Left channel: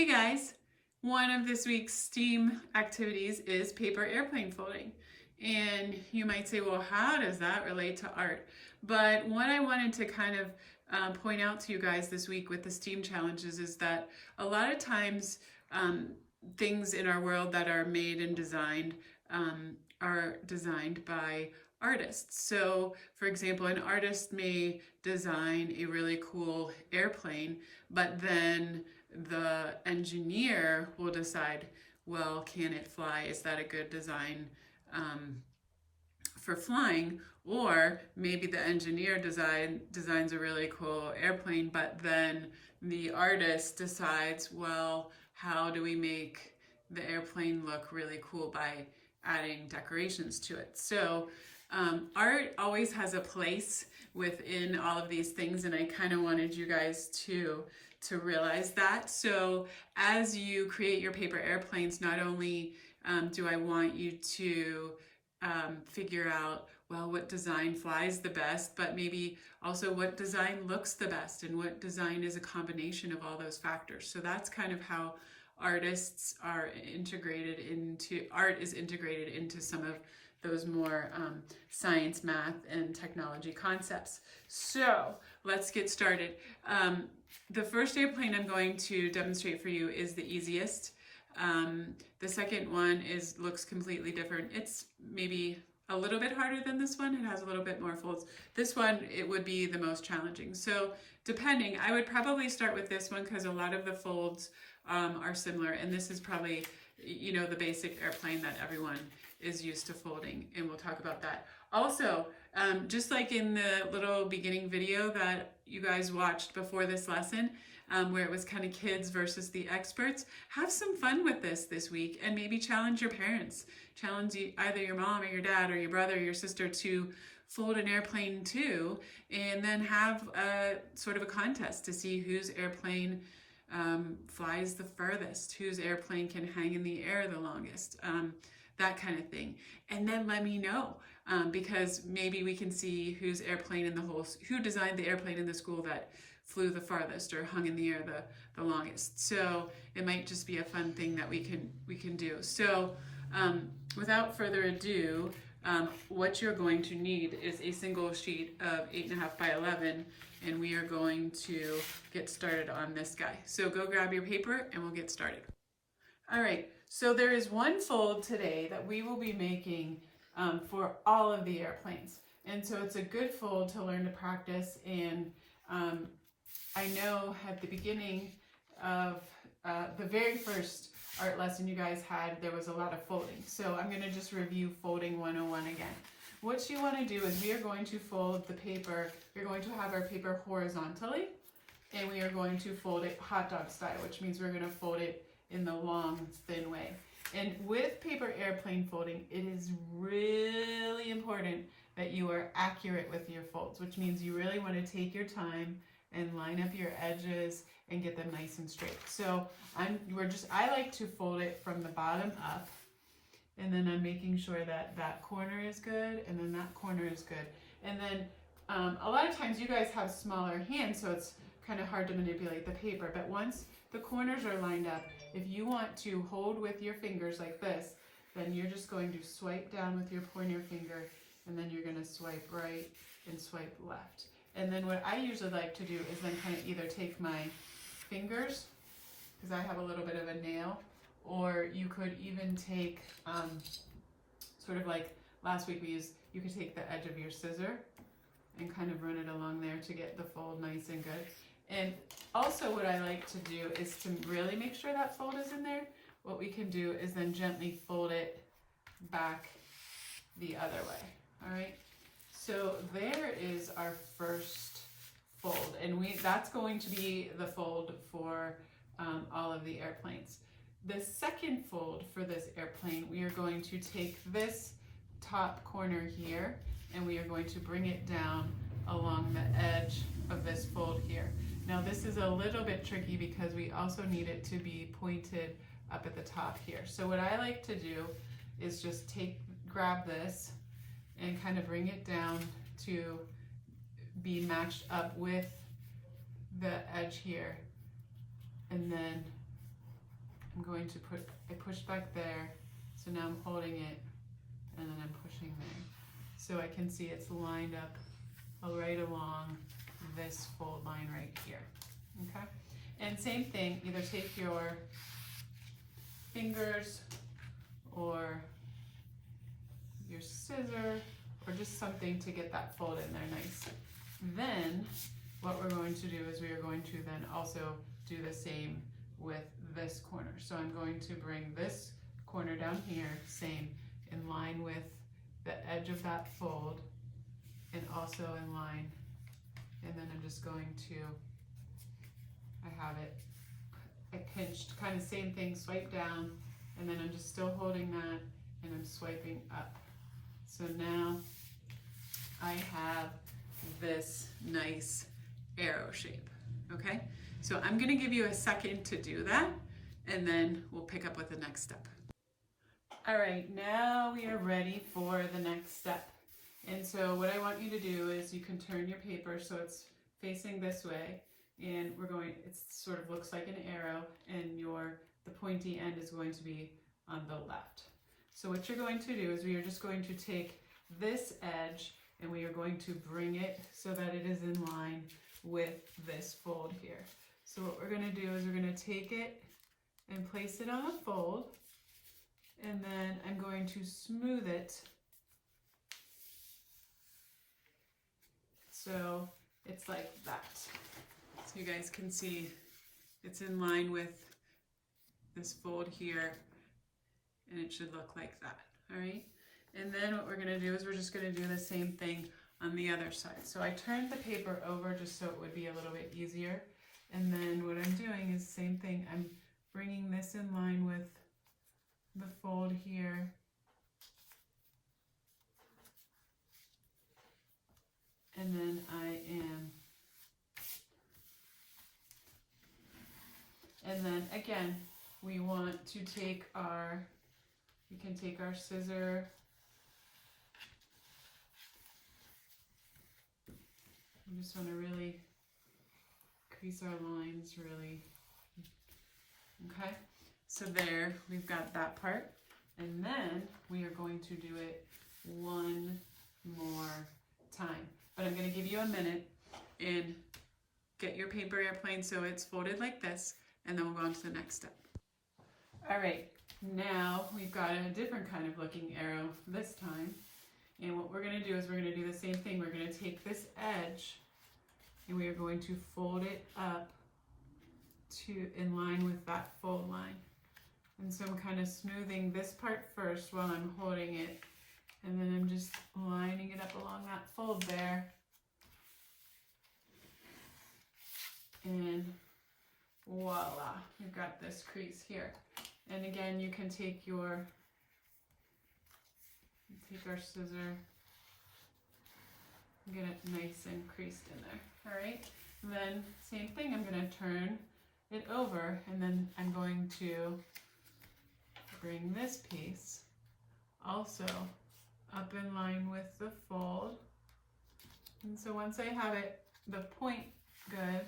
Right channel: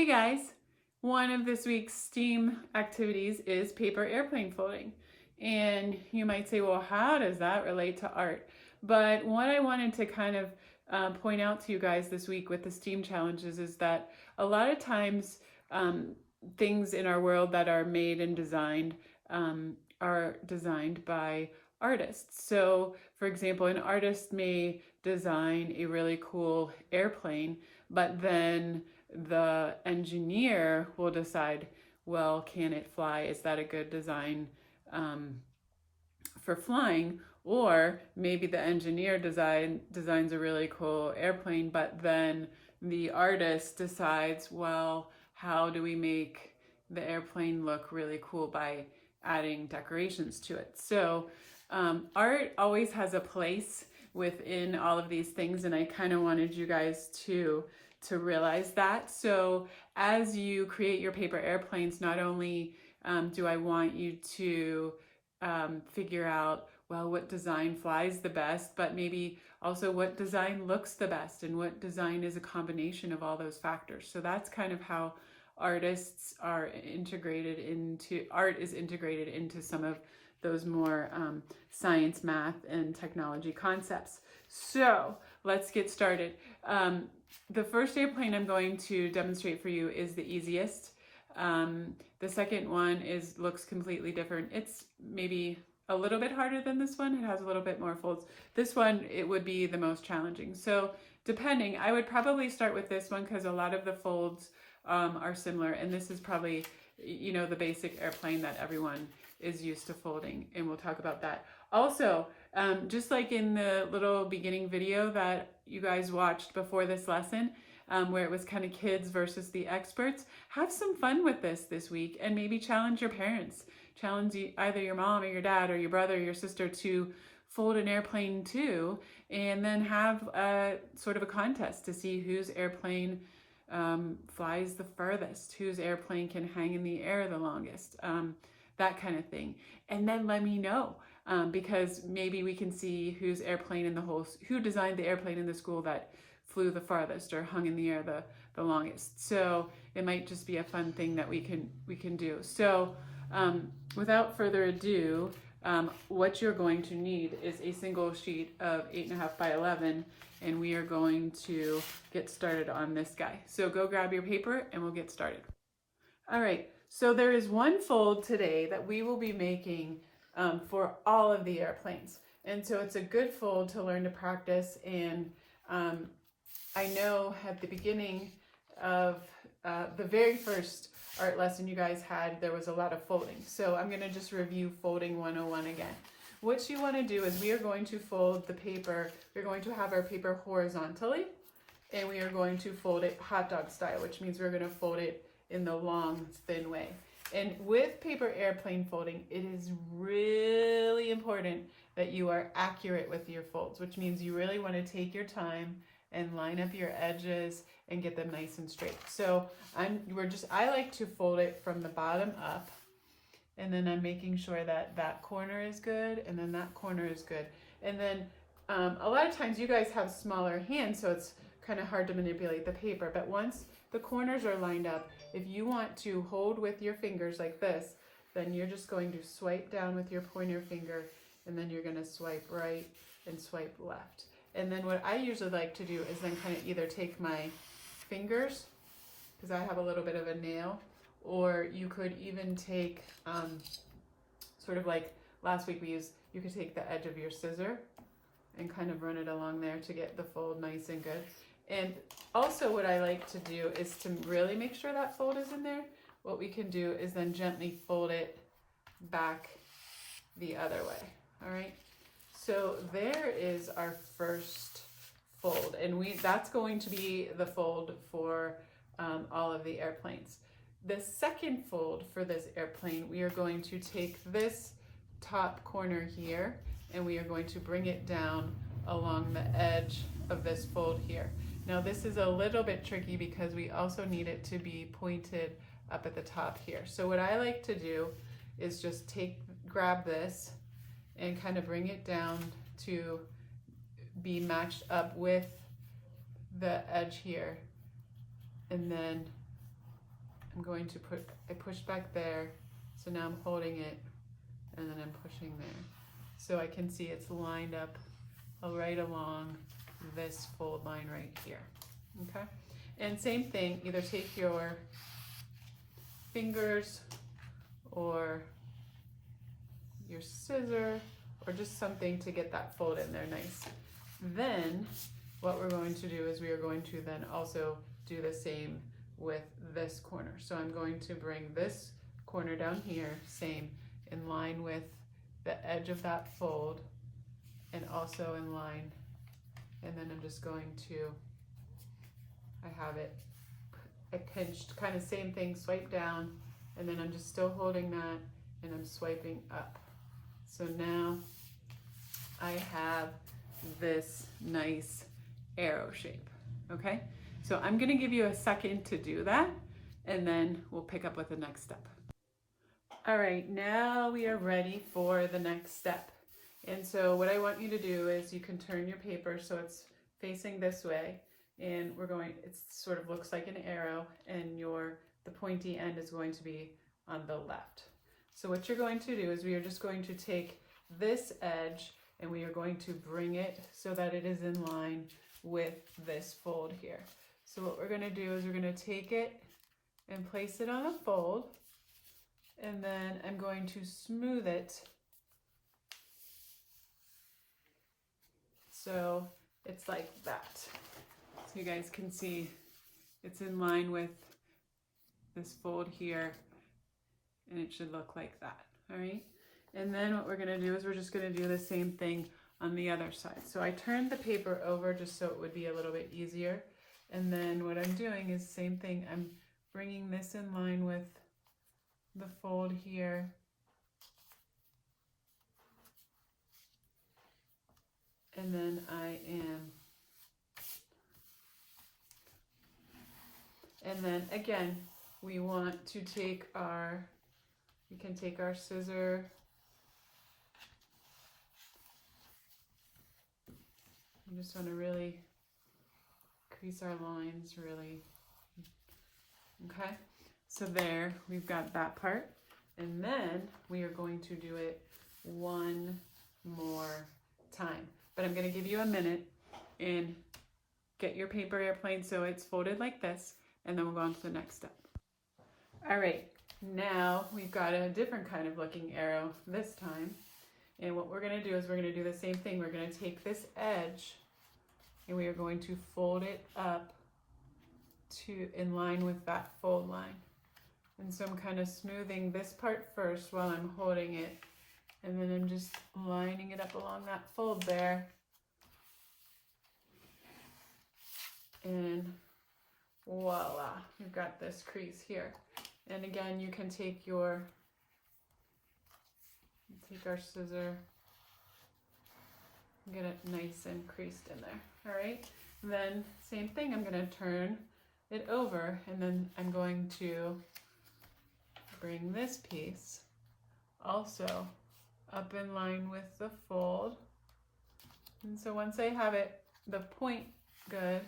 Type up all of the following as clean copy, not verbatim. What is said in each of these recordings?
Hey guys, one of this week's STEAM activities is paper airplane folding. And you might say, well, how does that relate to art? But what I wanted to kind of point out to you guys this week with the STEAM challenges is that a lot of times things in our world that are made and designed are designed by artists. So, for example, an artist may design a really cool airplane, but then the engineer will decide, well, can it fly? Is that a good design for flying? Or maybe the engineer designs a really cool airplane, but then the artist decides, well, how do we make the airplane look really cool by adding decorations to it? So art always has a place within all of these things, and I kind of wanted you guys to realize that. So as you create your paper airplanes, not only do I want you to figure out, well, what design flies the best, but maybe also what design looks the best and what design is a combination of all those factors. So that's kind of how art is integrated into some of those more science, math, and technology concepts. So let's get started. The first airplane I'm going to demonstrate for you is the easiest. The second one looks completely different. It's maybe a little bit harder than this one. It has a little bit more folds. This one, it would be the most challenging. So depending, I would probably start with this one because a lot of the folds are similar, and this is probably, you know, the basic airplane that everyone is used to folding, and we'll talk about that. Also, just like in the little beginning video that you guys watched before this lesson, where it was kind of kids versus the experts, have some fun with this week and maybe challenge your parents. Challenge either your mom or your dad or your brother or your sister to fold an airplane too, and then have a sort of a contest to see whose airplane flies the furthest, whose airplane can hang in the air the longest, that kind of thing. And then let me know, because maybe we can see who designed the airplane in the school that flew the farthest or hung in the air the longest. So it might just be a fun thing that we can do. So without further ado, what you're going to need is a single sheet of 8.5 by 11, and we are going to get started on this guy. So go grab your paper and we'll get started. All right, so there is one fold today that we will be making for all of the airplanes. And so it's a good fold to learn to practice. And I know at the beginning of the very first art lesson you guys had, there was a lot of folding. So I'm going to just review folding 101 again. What you want to do is we are going to fold the paper. We're going to have our paper horizontally, and we are going to fold it hot dog style, which means we're going to fold it in the long, thin way. And with paper airplane folding, it is really important that you are accurate with your folds, which means you really want to take your time and line up your edges and get them nice and straight. So I like to fold it from the bottom up, and then I'm making sure that that corner is good and then that corner is good. And then a lot of times you guys have smaller hands, so it's kind of hard to manipulate the paper. But once the corners are lined up, if you want to hold with your fingers like this, then you're just going to swipe down with your pointer finger, and then you're going to swipe right and swipe left. And then what I usually like to do is then kind of either take my fingers, because I have a little bit of a nail, or you could even take, sort of like last week you could take the edge of your scissor and kind of run it along there to get the fold nice and good. And also what I like to do is to really make sure that fold is in there. What we can do is then gently fold it back the other way, all right? So there is our first fold, and that's going to be the fold for all of the airplanes. The second fold for this airplane, we are going to take this top corner here, and we are going to bring it down along the edge of this fold here. Now this is a little bit tricky because we also need it to be pointed up at the top here. So what I like to do is just grab this and kind of bring it down to be matched up with the edge here, and then I'm going to I pushed back there, so now I'm holding it, and then I'm pushing there. So I can see it's lined up right along this fold line right here, okay? And same thing, either take your fingers or your scissor or just something to get that fold in there nice. Then what we're going to do is we are going to then also do the same with this corner. So I'm going to bring this corner down here, same, in line with the edge of that fold and also in line. And then I'm just going to, I have it pinched, kind of same thing, swipe down, and then I'm just still holding that and I'm swiping up. So now I have this nice arrow shape, okay? So I'm gonna give you a second to do that and then we'll pick up with the next step. All right, now we are ready for the next step. And so what I want you to do is you can turn your paper so it's facing this way, and it sort of looks like an arrow, and the pointy end is going to be on the left. So what you're going to do is we are just going to take this edge and we are going to bring it so that it is in line with this fold here. So what we're going to do is we're going to take it and place it on a fold, and then I'm going to smooth it so it's like that. So you guys can see it's in line with this fold here, and it should look like that, all right? And then what we're gonna do is we're just gonna do the same thing on the other side. So I turned the paper over just so it would be a little bit easier. And then what I'm doing is same thing. I'm bringing this in line with the fold here. And then and then again, we want to take we can take our scissor, we just want to really crease our lines really, okay? So there, we've got that part. And then we are going to do it one more time. But I'm going to give you a minute and get your paper airplane so it's folded like this, and then we'll go on to the next step. All right, now we've got a different kind of looking arrow this time. And what we're going to do is we're going to do the same thing. We're going to take this edge and we are going to fold it up in line with that fold line. And so I'm kind of smoothing this part first while I'm holding it, and then I'm just lining it up along that fold there. And voila, you've got this crease here. And again, you can take our scissor, get it nice and creased in there. All right, then same thing, I'm going to turn it over, and then I'm going to bring this piece also up in line with the fold. And so once I have the point good,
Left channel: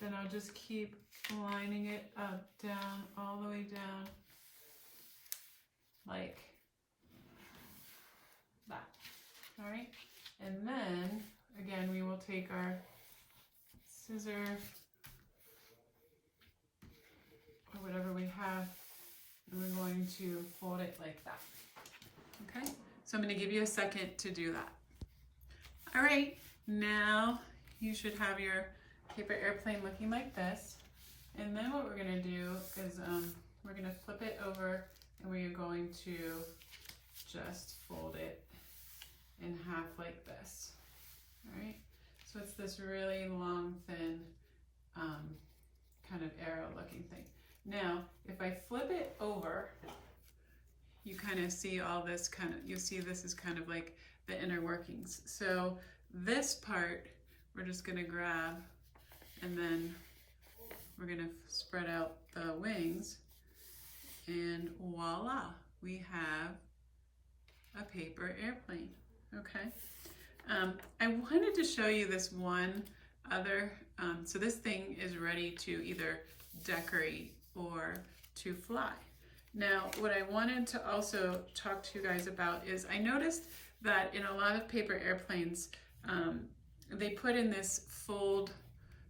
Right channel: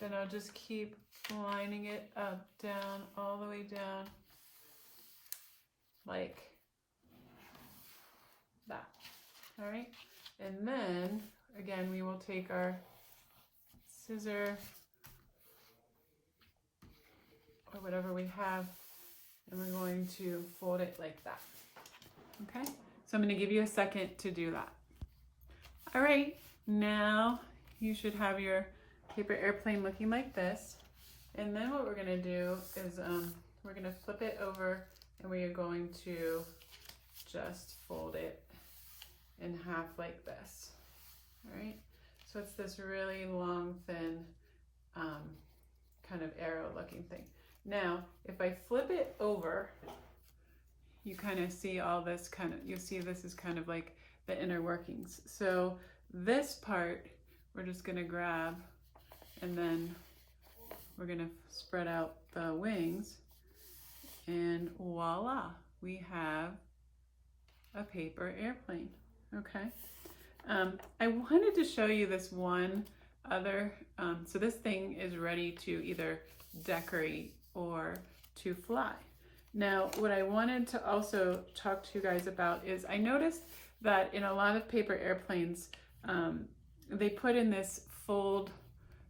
then I'll just keep lining it up, down, all the way down, like that. All right, and then again, we will take our scissor or whatever we have, and we're going to fold it like that. Okay, so I'm going to give you a second to do that. All right, now you should have your paper airplane looking like this. And then what we're going to do is we're going to flip it over, and we are going to just fold it in half like this. All right, so it's this really long, thin kind of arrow looking thing. Now, if I flip it over, you kind of see all this you'll see this is kind of like the inner workings. So this part, we're just gonna grab, and then we're gonna spread out the wings, and voila, we have a paper airplane, okay? I wanted to show you this one other, so this thing is ready to either decorate or to fly. Now, what I wanted to also talk to you guys about is I noticed that in a lot of paper airplanes, they put in this fold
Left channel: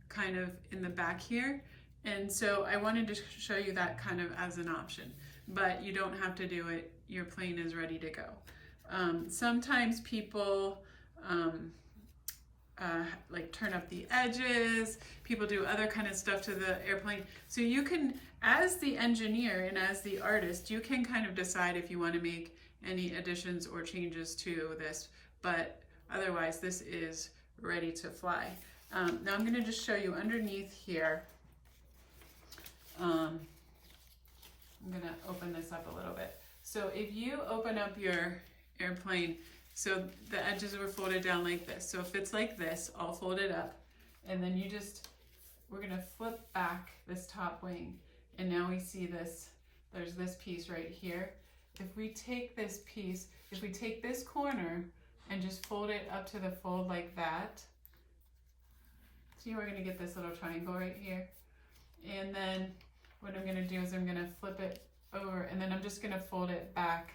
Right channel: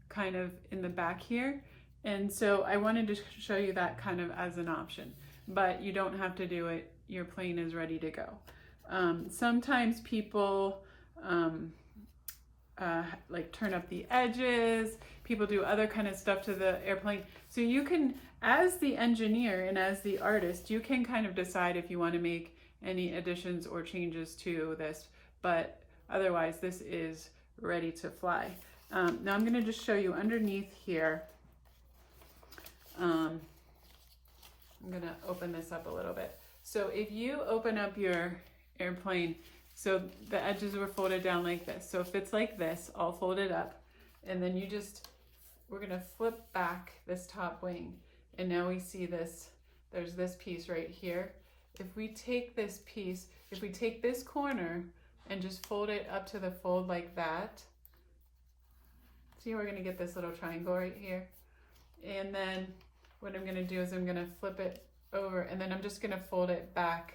kind of in the back here. And so I wanted to show you that kind of as an option, but you don't have to do it. Your plane is ready to go. Sometimes people like turn up the edges, people do other kind of stuff to the airplane. So you can, as the engineer and as the artist, you can kind of decide if you want to make any additions or changes to this, but otherwise this is ready to fly. Now I'm going to just show you underneath here. I'm going to open this up a little bit. So if you open up your airplane, so the edges were folded down like this. So if it's like this, all folded up, and then we're going to flip back this top wing, and now we see this, there's this piece right here. If we take this piece, if we take this corner and just fold it up to the fold like that, see, we're going to get this little triangle right here. And then what I'm going to do is I'm going to flip it over, and then I'm just going to fold it back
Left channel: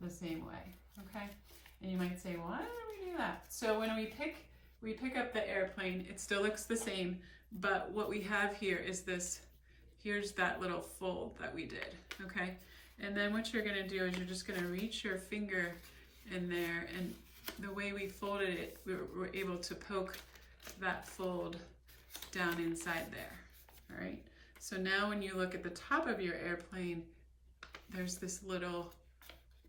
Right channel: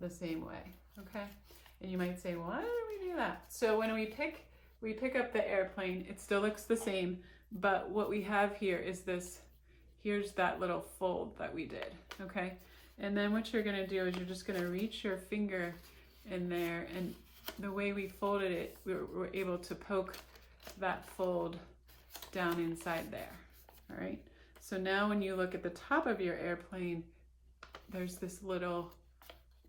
the same way, okay? And you might say, why do we do that? So when we pick up the airplane, it still looks the same, but what we have here is this, here's that little fold that we did, okay? And then what you're gonna do is you're just gonna reach your finger in there, and the way we folded it, we're able to poke that fold down inside there, all right? So now when you look at the top of your airplane, there's this little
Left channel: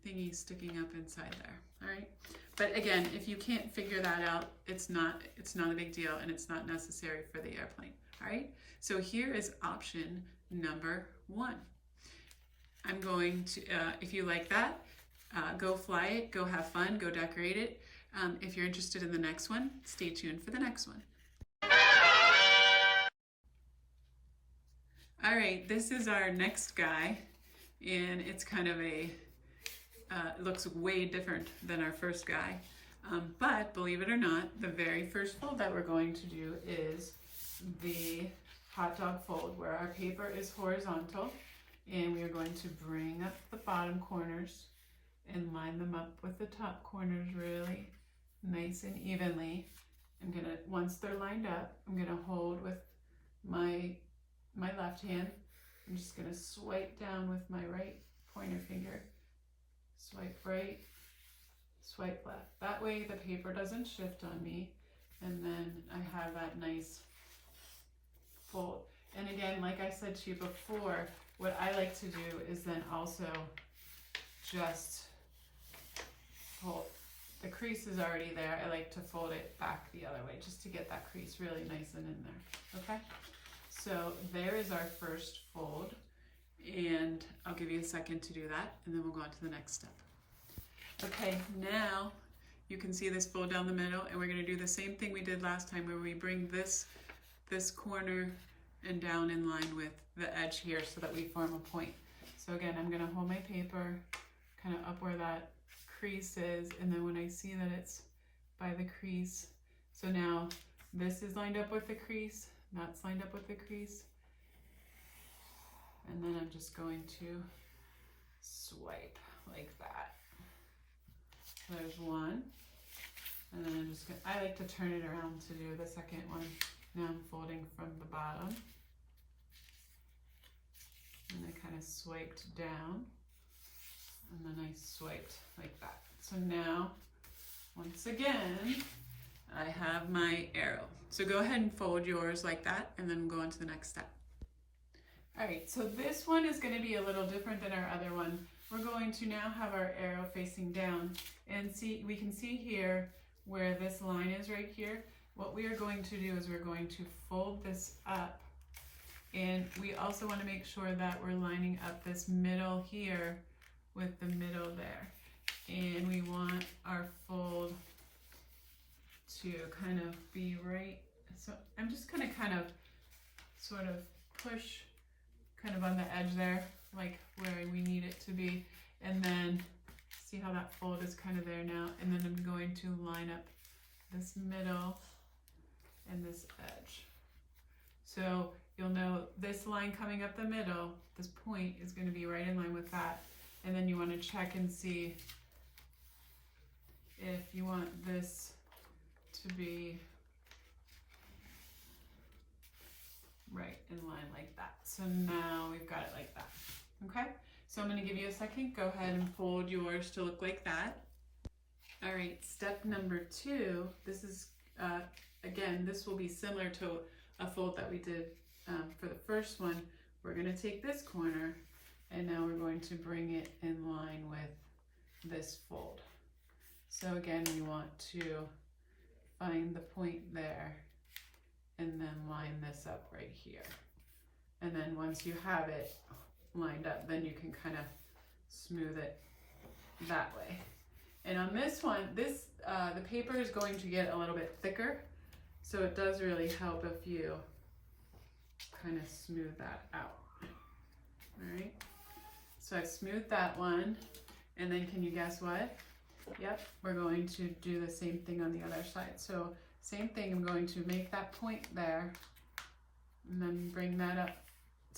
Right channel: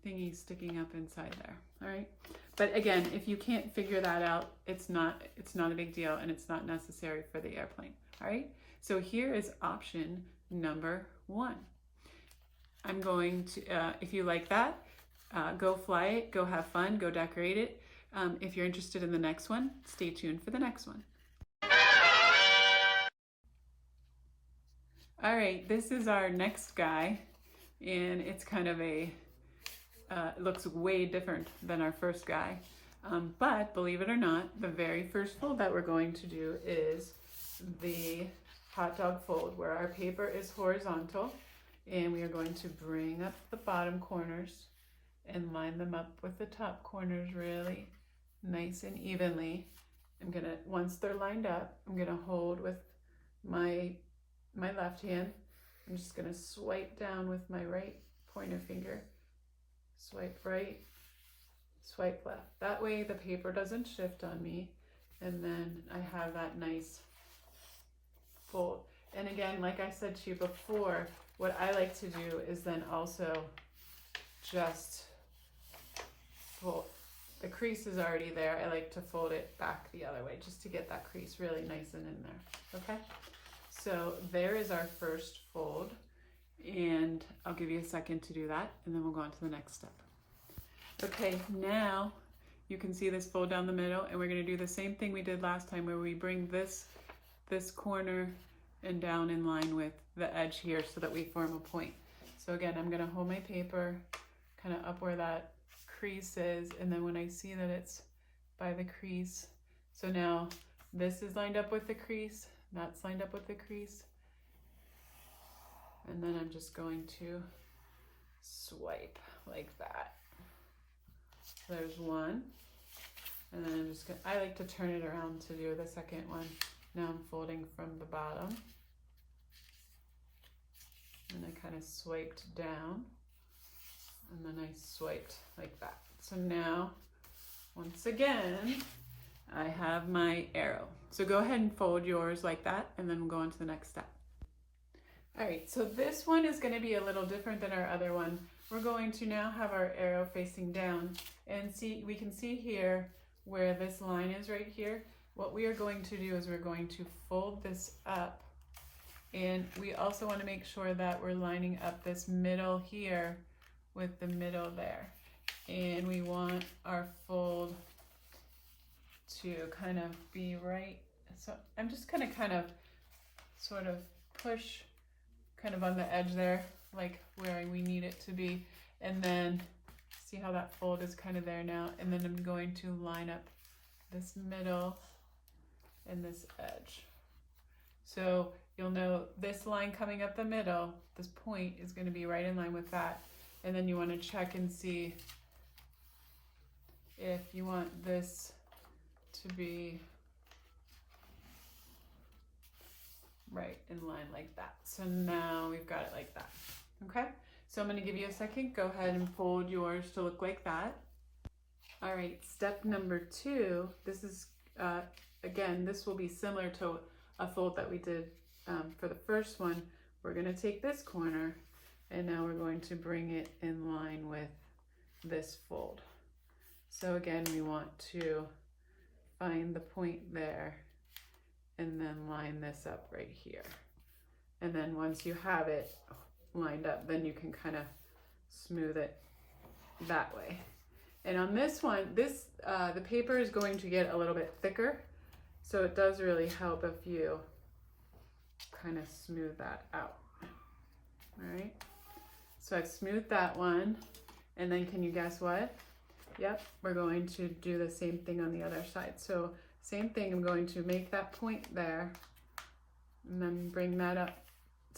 thingy sticking up inside there, all right? But again, if you can't figure that out, it's not a big deal, and it's not necessary for the airplane, all right? So here is option number 1. I'm going to, if you like that, go fly it, go have fun, go decorate it. If you're interested in the next one, stay tuned for the next one. All right, this is our next guy, and it's kind of a, it looks way different than our first guy. But believe it or not, the very first fold that we're going to do is the hot dog fold, where our paper is horizontal, and we are going to bring up the bottom corners and line them up with the top corners really nice and evenly. I'm gonna, once they're lined up, I'm gonna hold with my left hand. I'm just gonna swipe down with my right pointer finger. Swipe right, swipe left. That way the paper doesn't shift on me, and then I have that nice fold. And again, like I said to you before, what I like to do is then also just fold. The crease is already there. I like to fold it back the other way just to get that crease really nice and in there, okay? So there is our first fold, and I'll give you a second to do that, and then we'll go on to the next step. Okay, now you can see this fold down the middle, and we're gonna do the same thing we did last time, where we bring this corner and down in line with the edge here so that we form a point. So again, I'm gonna hold my paper kind of up where that crease is, and then when I see that it's by the crease, so now this is lined up with the crease, that's lined up with the crease, and then I'm just going to swipe like that. So there's one, and then I'm just gonna, I like to turn it around to do the second one. Now I'm folding from the bottom, and I kind of swiped down, and then I swiped like that. So now, once again, I have my arrow. So go ahead and fold yours like that, and then we'll go on to the next step. All right, so this one is going to be a little different than our other one. We're going to now have our arrow facing down, and see, we can see here where this line is right here. What we are going to do is we're going to fold this up, and we also want to make sure that we're lining up this middle here with the middle there. And we want our fold to kind of be right. So I'm just gonna kind of sort of push kind of on the edge there, like where we need it to be. And then see how that fold is kind of there now. And then I'm going to line up this middle and this edge. So you'll know this line coming up the middle, this point is going to be right in line with that. And then you want to check and see if you want this to be right in line like that. So now we've got it like that. Okay, so I'm going to give you a second. Go ahead and fold yours to look like that. All right, step number 2. This is, again, this will be similar to a fold that we did for the first one. We're going to take this corner and now we're going to bring it in line with this fold. So again, we want to find the point there and then line this up right here. And then once you have it lined up, then you can kind of smooth it that way. And on this one, the paper is going to get a little bit thicker, so it does really help if you kind of smooth that out. All right, so I've smoothed that one, and then can you guess what? Yep, we're going to do the same thing on the other side. So same thing, I'm going to make that point there, and then bring that up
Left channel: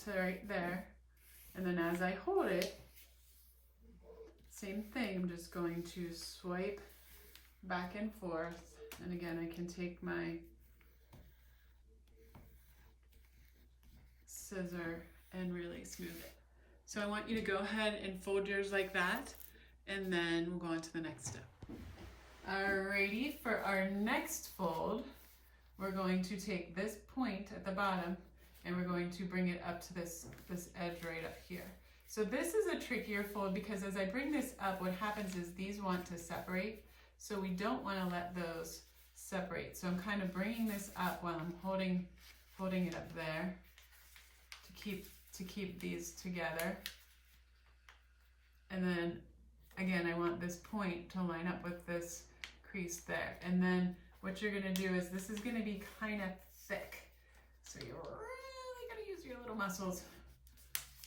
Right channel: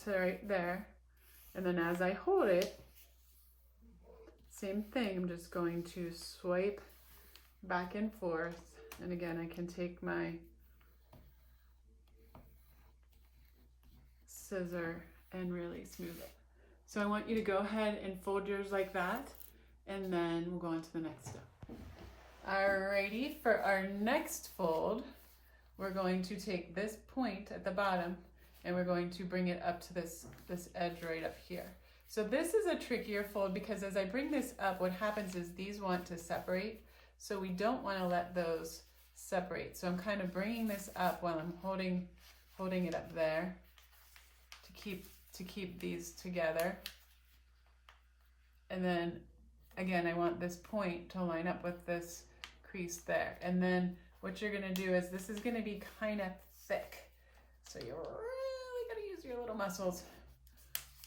to right there, and then as I hold it, same thing, I'm just going to swipe back and forth, and again I can take my scissor and really smooth it. So I want you to go ahead and fold yours like that, and then we'll go on to the next step. Alrighty, for our next fold, we're going to take this point at the bottom and we're going to bring it up to this edge right up here. So this is a trickier fold because as I bring this up, what happens is these want to separate. So we don't want to let those separate. So I'm kind of bringing this up while I'm holding it up there to keep these together. And then again, I want this point to line up with this crease there. And then what you're going to do is this is going to be kind of thick. So you're really going to use your little muscles.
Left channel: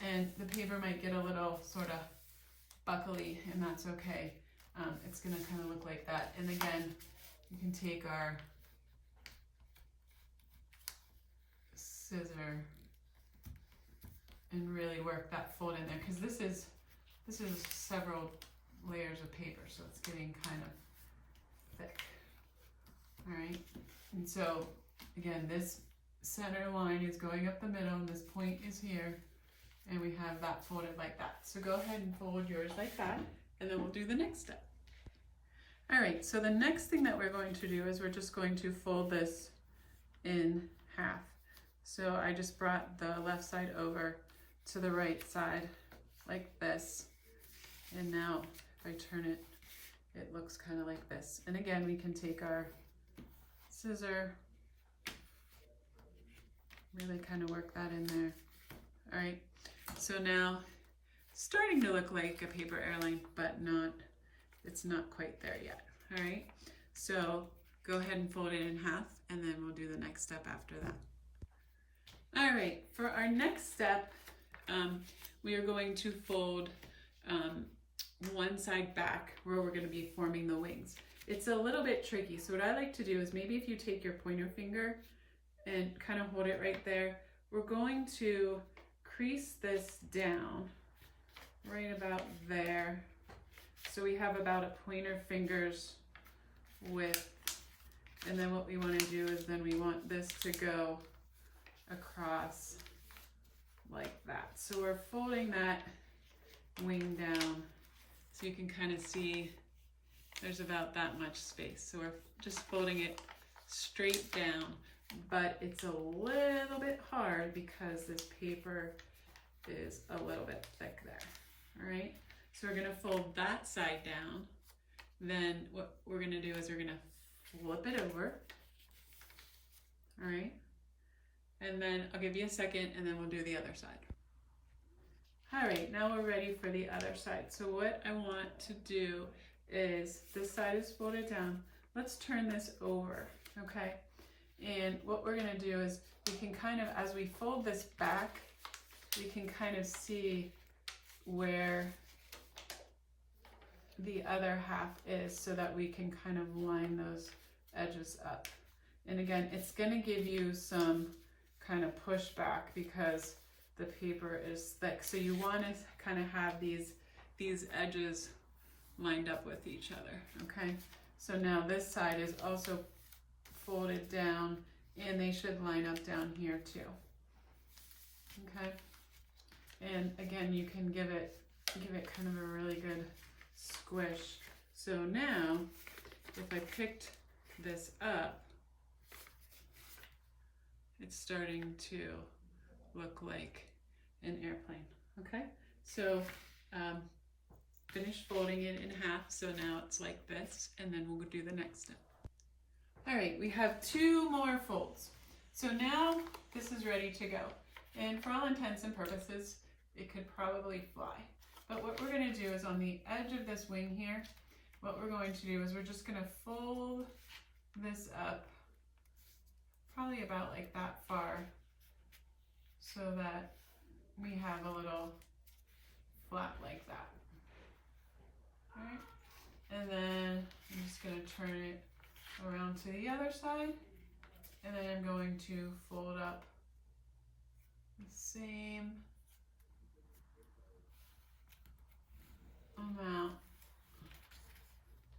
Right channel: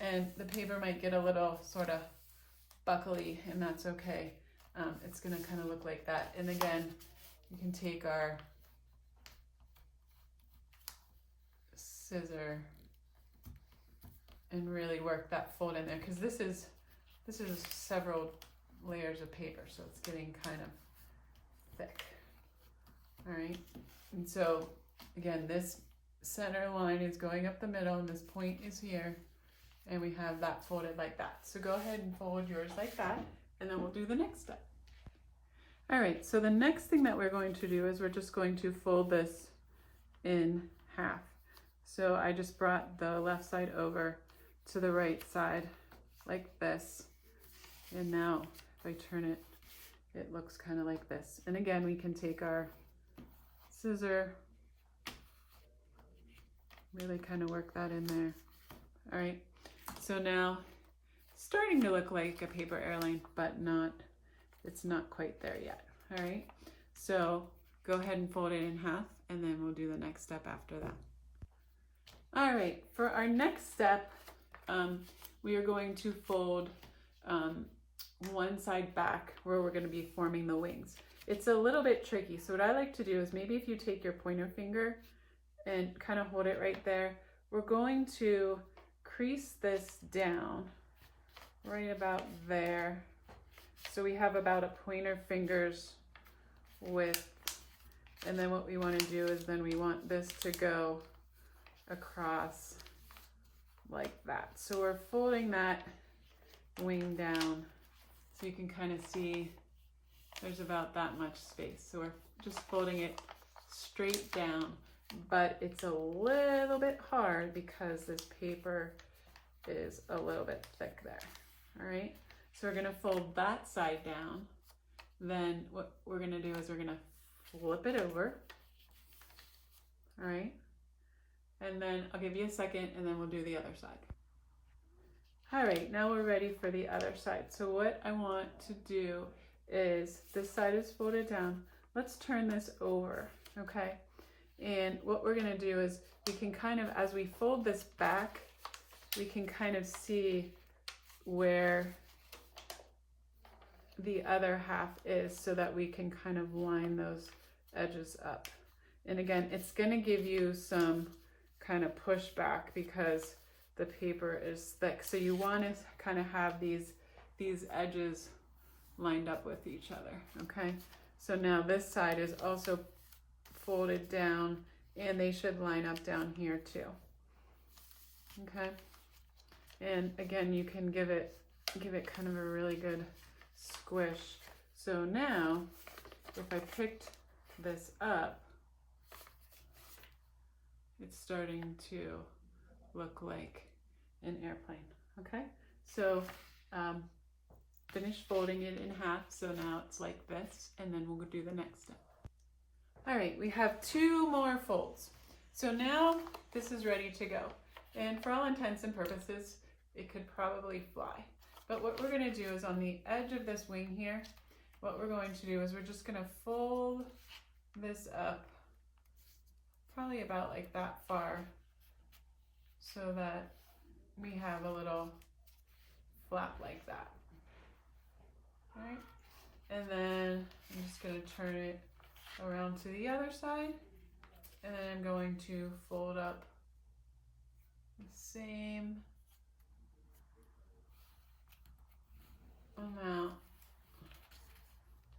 And the paper might get a little sort of buckly, and that's okay. It's going to kind of look like that. And again, you can take our scissor and really work that fold in there, because this is several layers of paper, so it's getting kind of thick. All right, and so again, this center line is going up the middle, and this point is here. And we have that folded like that. So go ahead and fold yours like that, and then we'll do the next step. All right, so the next thing that we're going to do is we're just going to fold this in half. So I just brought the left side over to the right side like this. And now if I turn it, it looks kind of like this. And again, we can take our scissor, really kind of work that in there. All right. So now starting to look like a paper airline, but it's not quite there yet. All right, so go ahead and fold it in half, and then we'll do the next step after that. All right, for our next step, we are going to fold one side back where we're going to be forming the wings. It's a little bit tricky, so what I like to do is maybe if you take your pointer finger and kind of hold it right there, we're going to crease this down right about there. So we have about a pointer finger's width. And then what we want to do is then we want this to go across like that. So we're folding that wing down so you can kind of see there's about that much space. So we're just folding it straight down, but it's a little bit hard because this paper is a little bit thick there. All right, so we're going to fold that side down. Then what we're going to do is we're going to flip it over. All right, and then I'll give you a second and then we'll do the other side. All right, now we're ready for the other side. So what I want to do is this side is folded down. Let's turn this over, okay? And what we're going to do is we can kind of, as we fold this back, we can kind of see where the other half is so that we can kind of line those edges up. And again, it's going to give you some kind of push back because the paper is thick. So you want to kind of have these edges lined up with each other, okay? So now this side is also folded down and they should line up down here too, okay? And again, you can give it kind of a really good squish. So now, if I picked this up, it's starting to look like an airplane, okay? So finish folding it in half, so now it's like this, and then we'll do the next step. All right, we have 2 more folds. So now this is ready to go. And for all intents and purposes, it could probably fly. But what we're gonna do is on the edge of this wing here, what we're going to do is we're just gonna fold this up probably about like that far so that we have a little flap like that. All right, and then I'm just gonna turn it around to the other side, and then I'm going to fold up the same amount,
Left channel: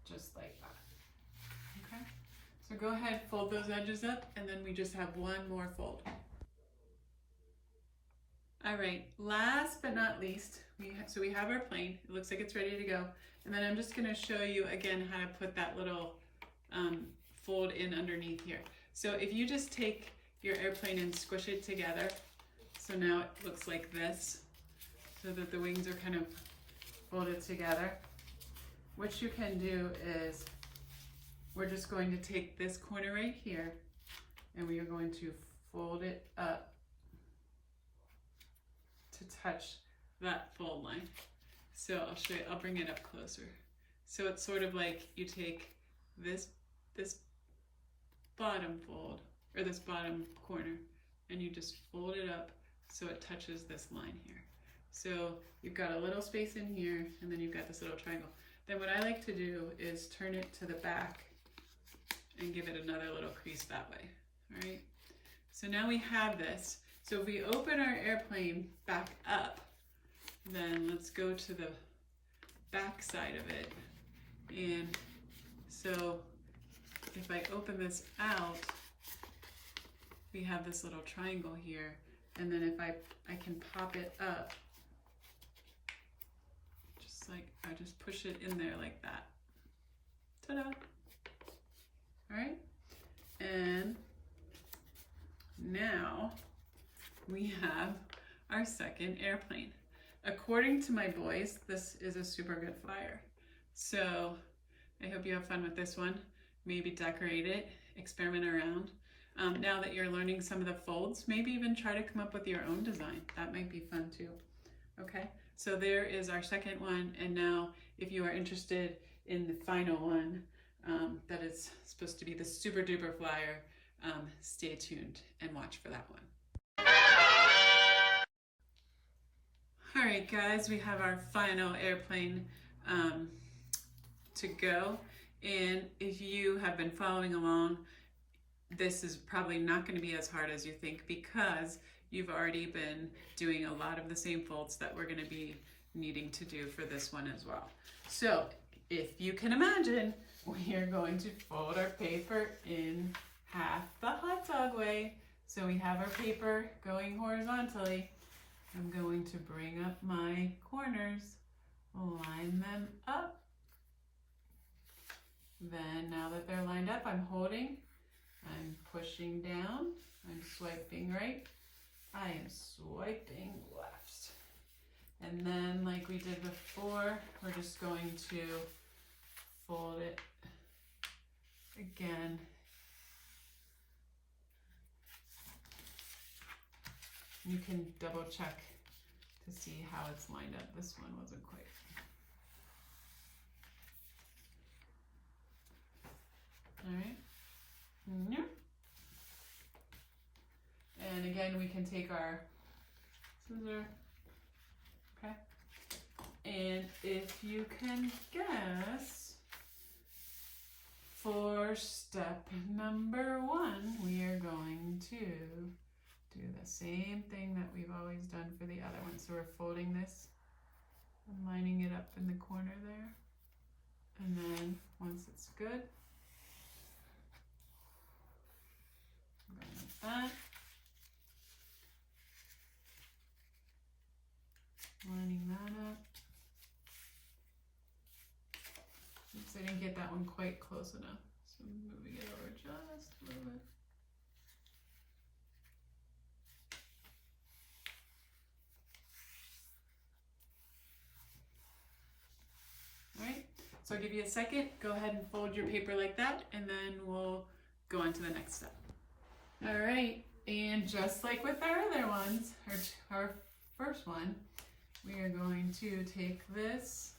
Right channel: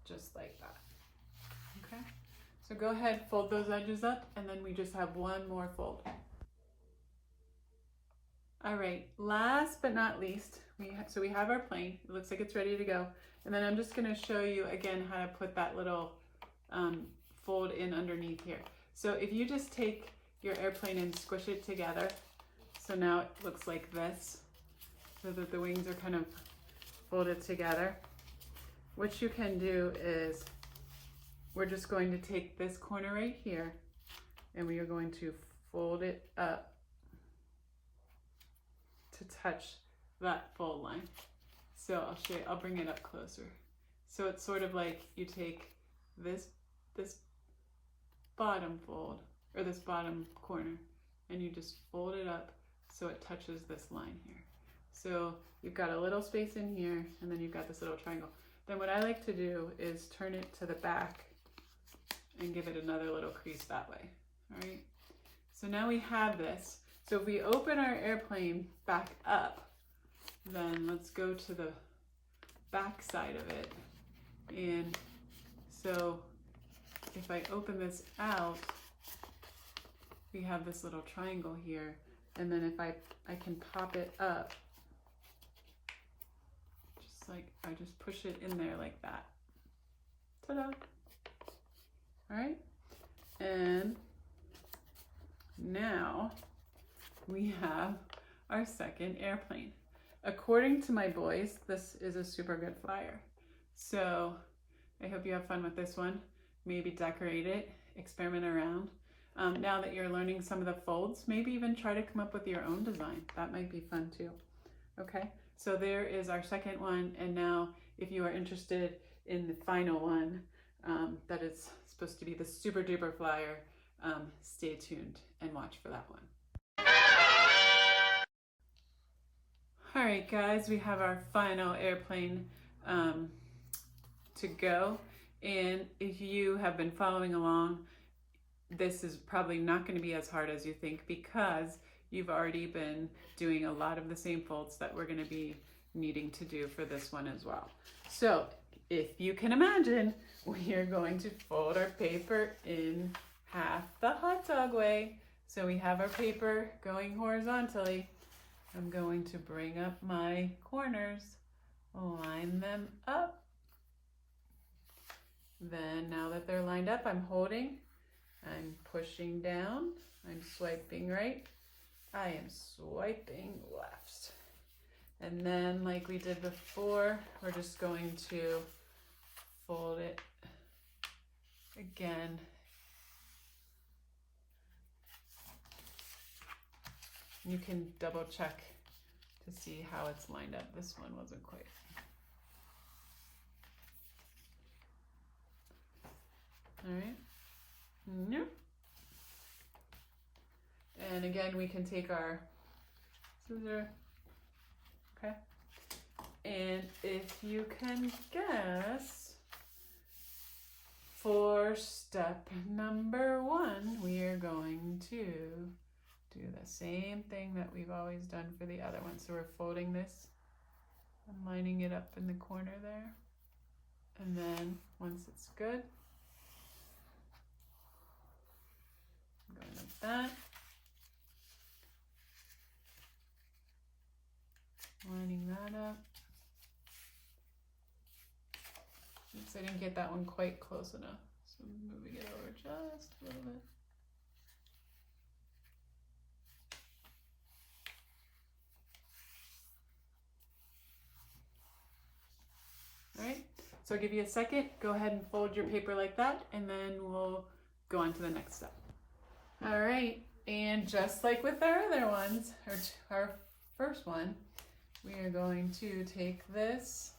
just like that, okay? So go ahead, fold those edges up, and then we just have 1 more fold. All right, last but not least, we have our plane. It looks like it's ready to go. And then I'm just gonna show you again how to put that little fold in underneath here. So if you just take your airplane and squish it together, so now it looks like this, so that the wings are kind of folded together. What you can do is, we're just going to take this corner right here, and we are going to fold it up to touch that fold line. So I'll show you, I'll bring it up closer. So it's sort of like you take this bottom fold, or this bottom corner, and you just fold it up so it touches this line here. So you've got a little space in here, and then you've got this little triangle. Then what I like to do is turn it to the back and give it another little crease that way, all right? So now we have this. So if we open our airplane back up, then let's go to the back side of it. And so if I open this out, we have this little triangle here. And then if I can pop it up, just like, I just push it in there like that. Ta-da! All right, and now we have our second airplane. According to my boys, this is a super good flyer. So I hope you have fun with this one. Maybe decorate it, experiment around. Now that you're learning some of the folds, maybe even try to come up with your own design. That might be fun too. Okay, so there is our second one. And now if you are interested in the final one, that is supposed to be the super duper flyer, stay tuned and watch for that one. All right, guys, we have our final airplane to go. And if you have been following along, this is probably not going to be as hard as you think, because you've already been doing a lot of the same folds that we're going to be needing to do for this one as well. So if you can imagine, we are going to fold our paper in half the hot dog way. So we have our paper going horizontally. I'm going to bring up my corners, line them up. Then now that they're lined up, I'm holding, I'm pushing down, I'm swiping right, I am swiping left. And then like we did before, we're just going to fold it again. You can double check to see how it's lined up. This one wasn't quite. All right. Yep. And again, we can take our scissor. Okay. And if you can guess, for step number 1, we are going to do the same thing that we've always done for the other one. So we're folding this and lining it up in the corner there. And then once it's good, going like that. Lining that up. Oops, I didn't get that one quite close enough. So I'm moving it over just a little bit. All right, so I'll give you a second. Go ahead and fold your paper like that, and then we'll go on to the next step. All right, and just like with our other ones, our first one, we are going to take this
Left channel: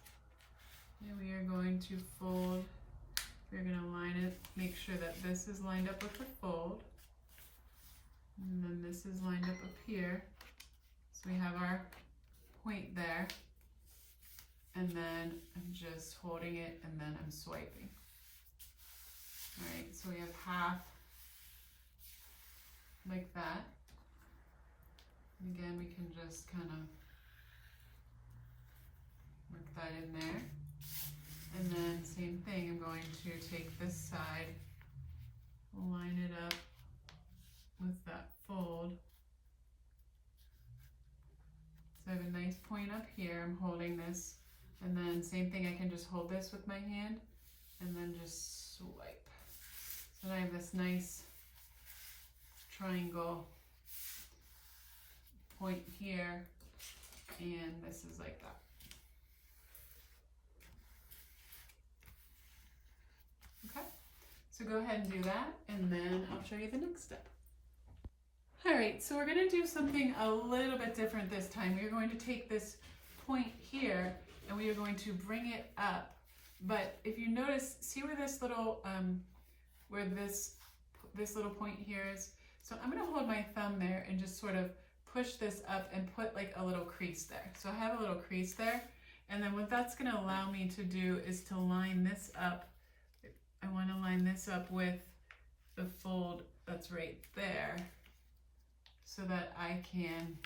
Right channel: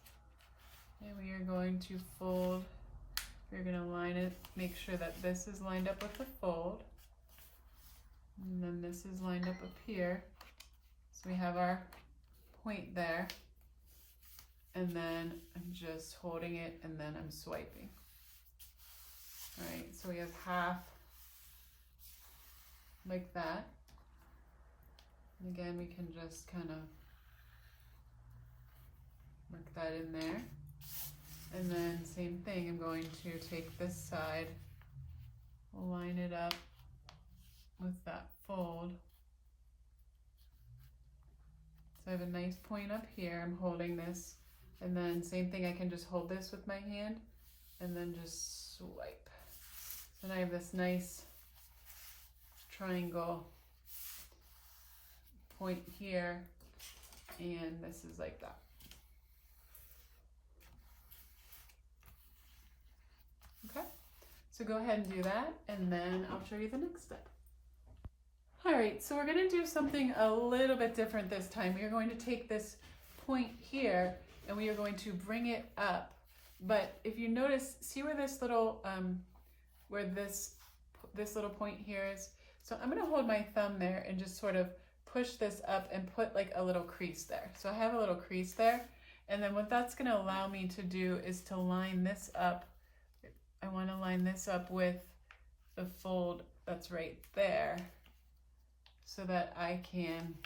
and we are going to fold. We're going to line it, make sure that this is lined up with the fold. And then this is lined up here. So we have our point there. And then I'm just holding it and then I'm swiping. All right, so we have half like that. And again, we can just kind of work that in there. And then same thing, I'm going to take this side, line it up with that fold. So I have a nice point up here, I'm holding this, and then same thing, I can just hold this with my hand and then just swipe. So now I have this nice triangle point here, and this is like that. Okay, so go ahead and do that, and then I'll show you the next step. All right, so we're going to do something a little bit different this time. We are going to take this point here, and we are going to bring it up. But if you notice, see where this little, where this little point here is? So I'm going to hold my thumb there and just sort of push this up and put like a little crease there. So I have a little crease there, and then what that's going to allow me to do is to line this up. I want to line this up with the fold that's right there so that I can,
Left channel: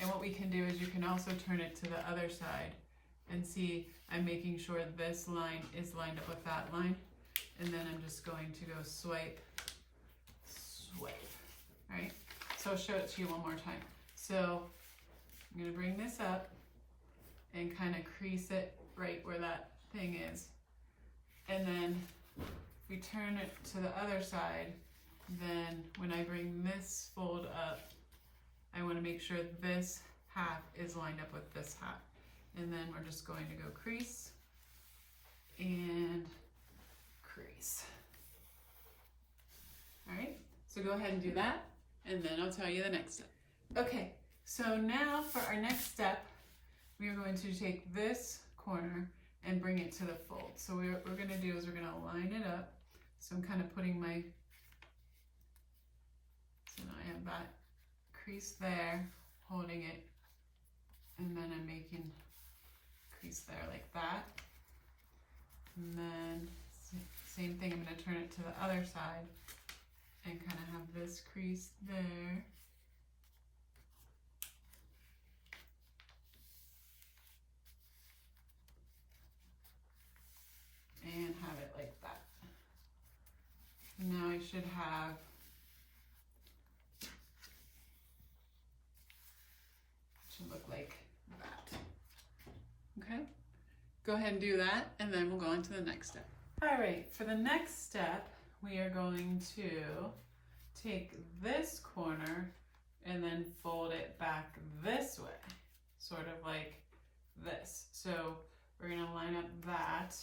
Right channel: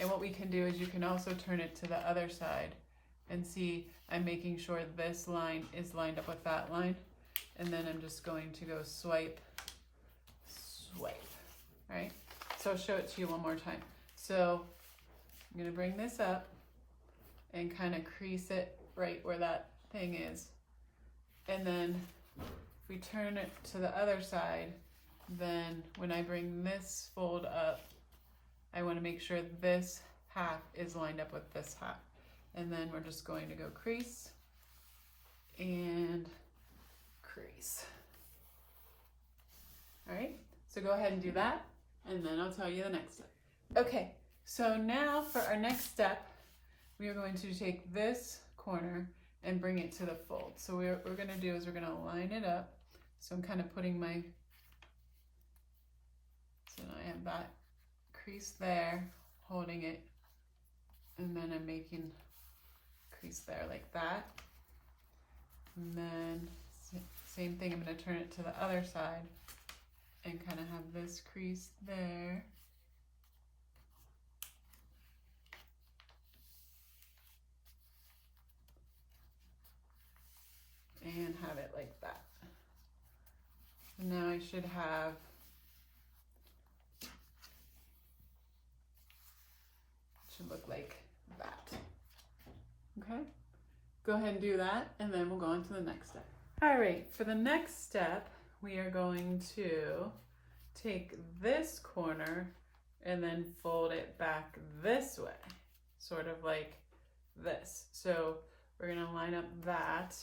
and what we can do is you can also turn it to the other side and see I'm making sure this line is lined up with that line, and then I'm just going to go swipe, swipe, right? So I'll show it to you one more time. So I'm going to bring this up and kind of crease it right where that thing is, and then if we turn it to the other side, then when I bring this fold up, I want to make sure this half is lined up with this half. And then we're just going to go crease and crease. All right, so go ahead and do that, and then I'll tell you the next step. Okay, so now for our next step, we are going to take this corner and bring it to the fold. So what we're going to do is we're going to line it up. So I'm kind of putting my, so now I have that crease there, holding it, and then I'm making crease there like that. And then same thing, I'm going to turn it to the other side and kind of have this crease there. And have it like that. And now I should have look like that. Okay, go ahead and do that, and then we'll go on to the next step. All right, for the next step, we are going to take this corner and then fold it back this way, sort of like this. So we're going to line up that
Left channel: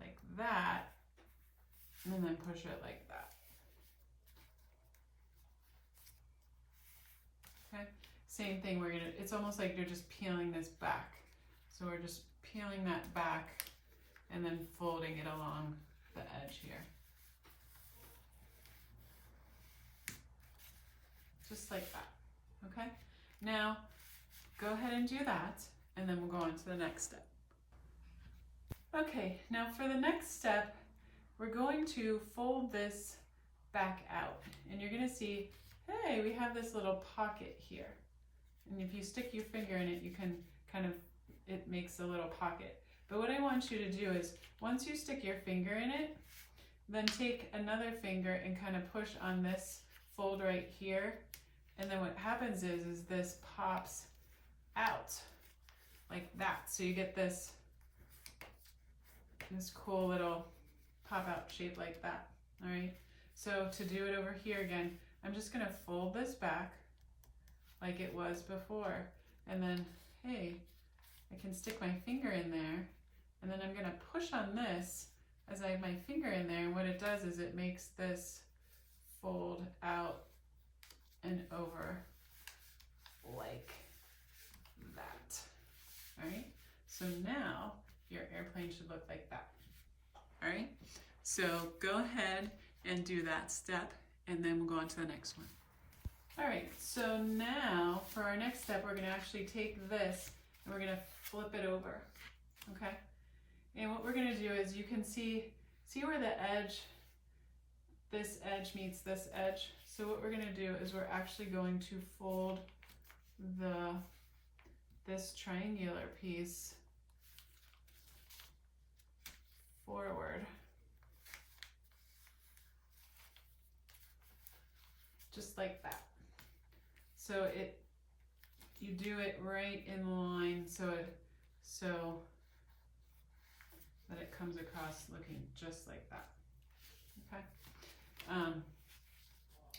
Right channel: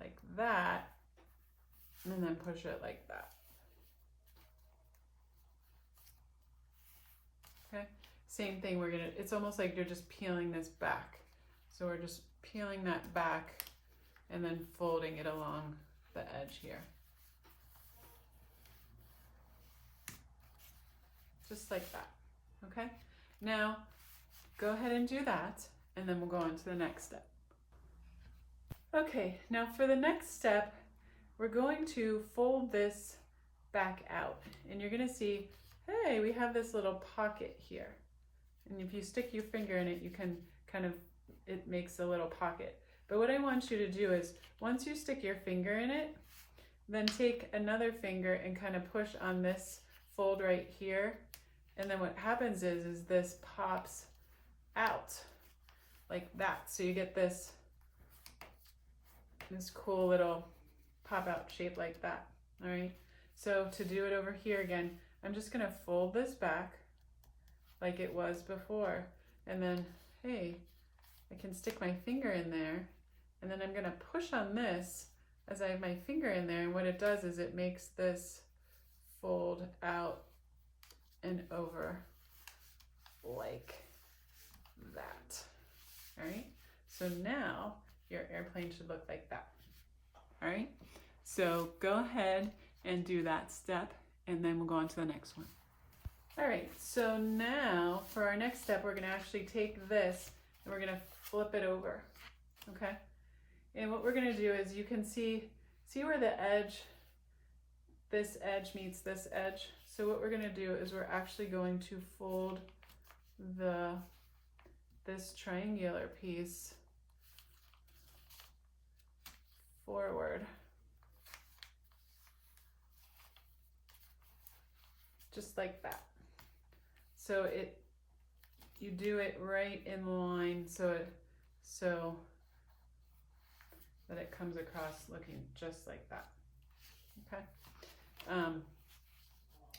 like that, and then push it like that. Okay, same thing, we're gonna, it's almost like you're just peeling this back. So we're just peeling that back and then folding it along the edge here. Just like that, okay? Now, go ahead and do that, and then we'll go on to the next step. Okay, now for the next step, we're going to fold this back out, and you're gonna see hey, we have this little pocket here. And if you stick your finger in it, you can kind of, it makes a little pocket. But what I want you to do is, once you stick your finger in it, then take another finger and kind of push on this fold right here. And then what happens is this pops out like that. So you get this cool little pop out shape like that. All right. So to do it over here again, I'm just going to fold this back like it was before. And then, hey, I can stick my finger in there. And then I'm going to push on this as I have my finger in there. And what it does is it makes this fold out and over like that. All right. So now your airplane should look like that. All right. So go ahead and do that step, and then we'll go on to the next one. All right. So now for our next step, we're going to actually take this and we're going to flip it over. Okay. And what we're going to do is, you can see where the edge, this edge meets this edge. So what we're going to do is we're actually going to fold this triangular piece forward, just like that. So you do it right in line so that it comes across looking just like that. Okay.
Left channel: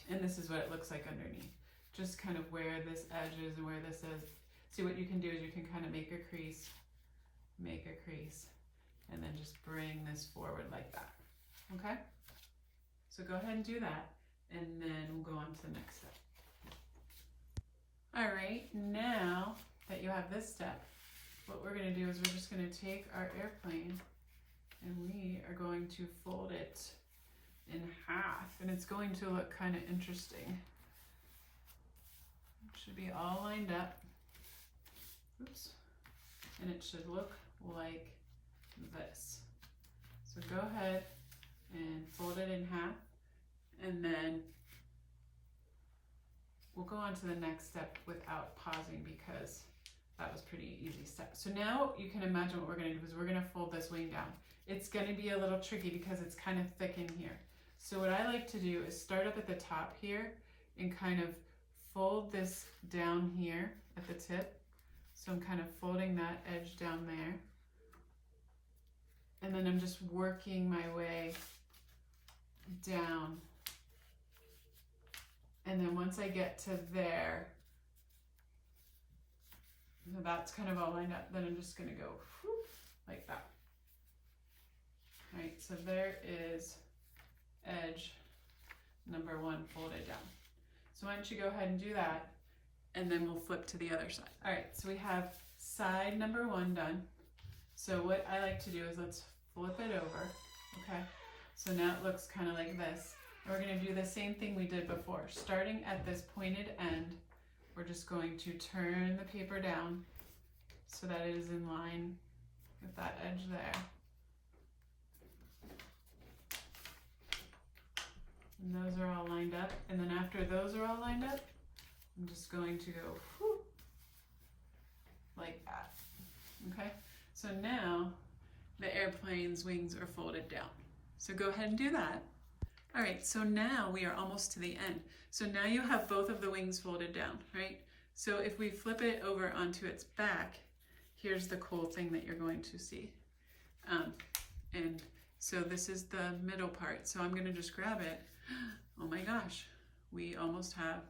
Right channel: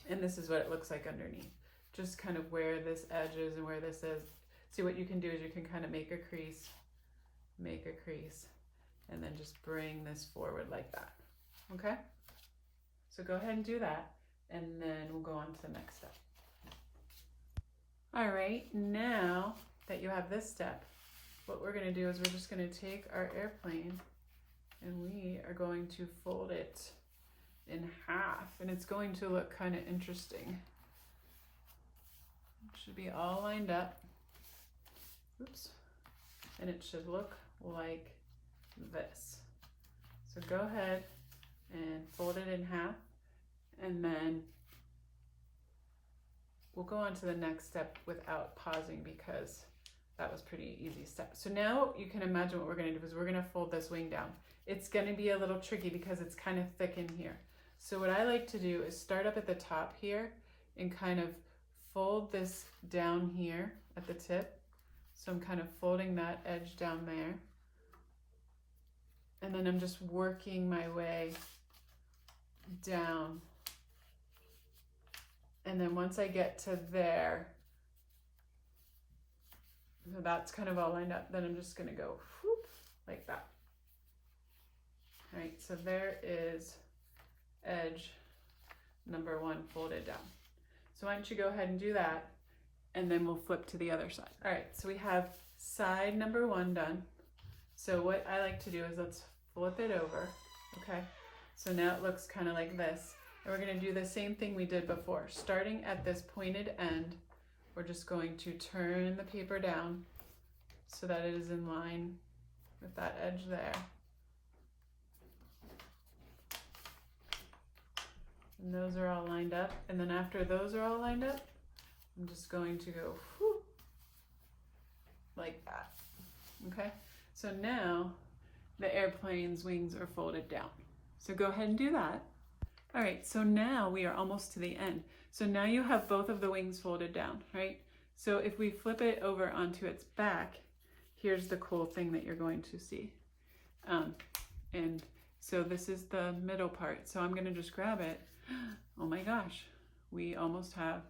And this is what it looks like underneath, just kind of where this edge is and where this is. See, what you can do is you can kind of make a crease, and then just bring this forward like that. Okay. So go ahead and do that, and then we'll go on to the next step. All right, now that you have this step, what we're going to do is we're just going to take our airplane and we are going to fold it in half, and it's going to look kind of interesting. It should be all lined up. Oops. And it should look like this. So go ahead and fold it in half, and then we'll go on to the next step without pausing because that was pretty easy step. So now you can imagine what we're going to do is we're going to fold this wing down. It's going to be a little tricky because it's kind of thick in here. So what I like to do is start up at the top here and kind of fold this down here at the tip. So I'm kind of folding that edge down there. And then I'm just working my way down. And then once I get to there, so that's kind of all lined up, then I'm just going to go whoop, like that. All right, so there is edge number one folded down. So why don't you go ahead and do that, and then we'll flip to the other side. All right, so we have side number one done. So what I like to do is let's flip it over, okay? So now it looks kind of like this. And we're going to do the same thing we did before. Starting at this pointed end, we're just going to turn the paper down so that it is in line with that edge there. And those are all lined up. And then after those are all lined up, I'm just going to go whoop, like that. Okay? So now the airplane's wings are folded down. So go ahead and do that. All right, so now we are almost to the end. So now you have both of the wings folded down, right? So if we flip it over onto its back, here's the cool thing that you're going to see. And so this is the middle part. So I'm gonna just grab it. Oh my gosh, we almost have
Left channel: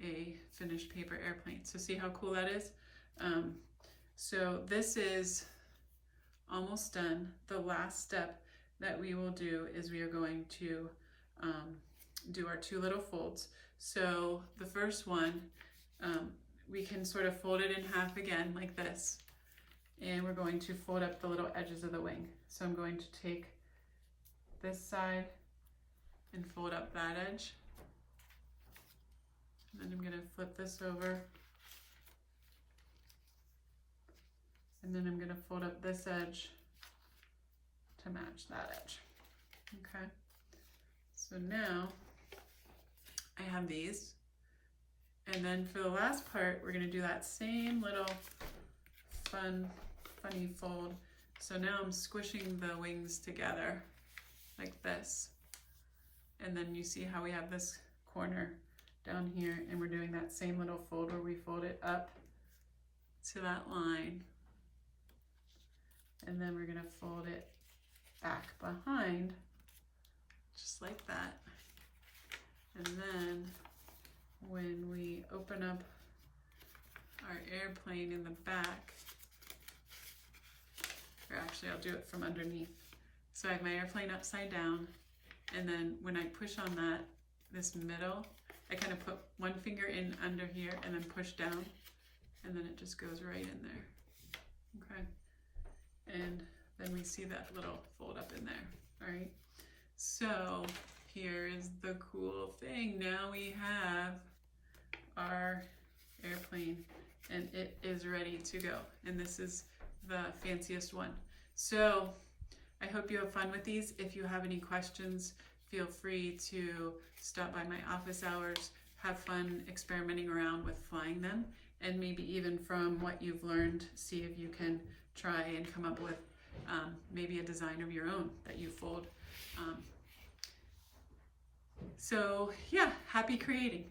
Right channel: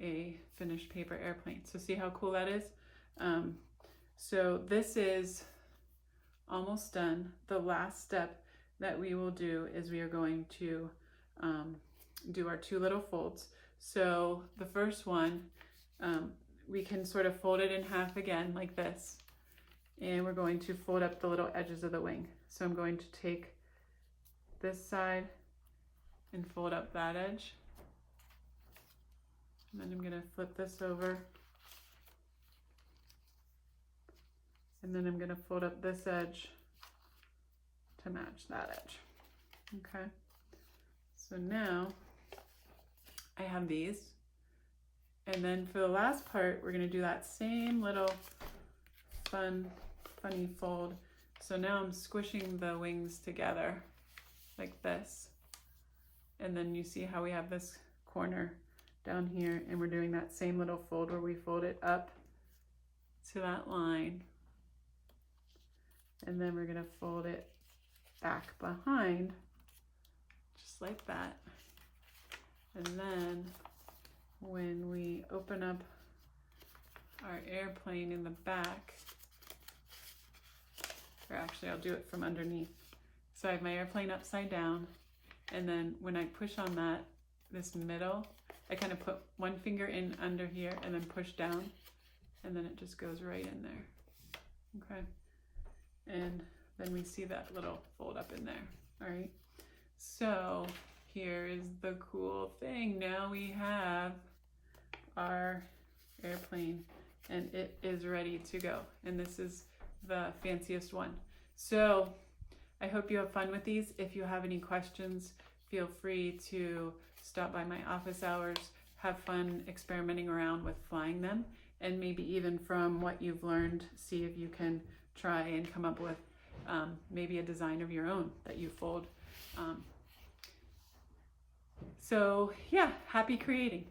a finished paper airplane. So see how cool that is? So this is almost done. The last step that we will do is we are going to do our two little folds. So the first one, we can sort of fold it in half again like this, and we're going to fold up the little edges of the wing. So I'm going to take this side and fold up that edge, and then I'm going to flip this over, and then I'm going to fold up this edge to match that edge. Okay, so now I have these, And then for the last part, we're gonna do that same little funny fold. So now I'm squishing the wings together like this. And then you see how we have this corner down here, and we're doing that same little fold where we fold it up to that line. And then we're gonna fold it back behind, just like that. And then when we open up our airplane in the back, or actually I'll do it from underneath. So I have my airplane upside down, and then when I push on that, this middle, I kind of put one finger in under here and then push down, and then it just goes right in there, okay? And then we see that little fold up in there, all right? So here's the cool thing. Now we have our airplane, and it is ready to go. And this is the fanciest one. So I hope you have fun with these. If you have any questions, feel free to stop by my office hours, have fun experimenting around with flying them, and maybe even from what you've learned, see if you can try and come up with maybe a design of your own that you fold. So yeah, happy creating.